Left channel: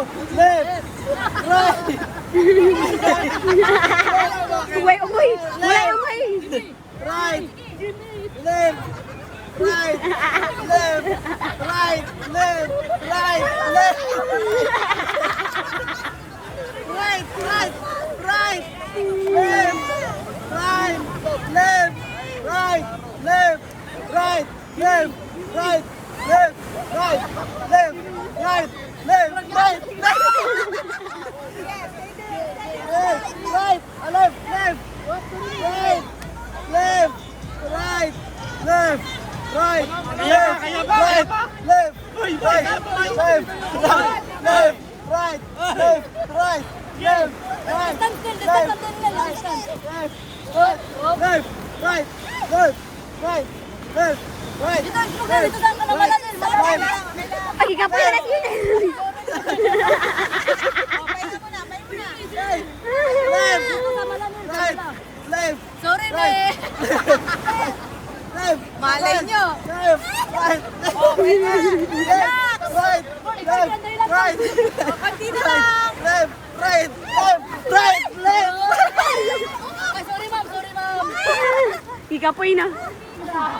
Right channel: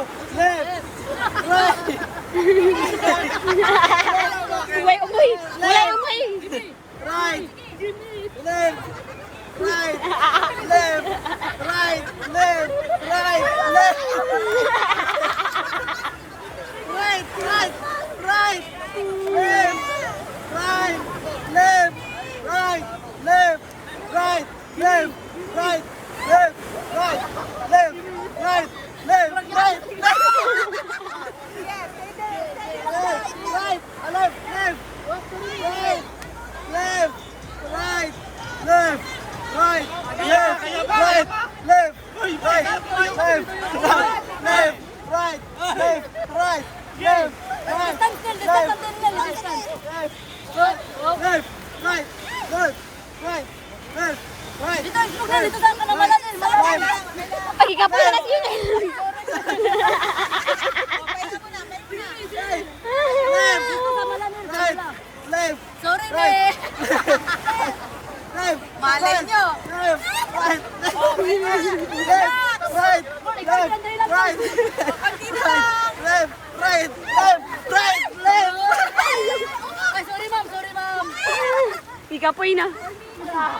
Left. Right. Umay. Right. Left. Right. Left. Right. Left. Right. Left. Right. Right. Right. Left. Right. Left. Right. Left. Right. Left. Right. Left. Right. Left. Right. Left. Right. Left. Right. Left. Left. Right. Left. Right. Left. Right. Left. Right. Left. Right. Left. Right. Left. Right. Left. Right. Left. Right. Left. Right. Left. Right. Left. Right. Dito saan ka naman natin? Pagkikapilas yun eh. Left. Right. Left. Sorry, Right. be. Left. Malay nyo. Left. Right. Left. Right. Left. Right. Dito lang. Left. Right. Left. Right. Left. Ay, sorry ma'am. Ikapoy na.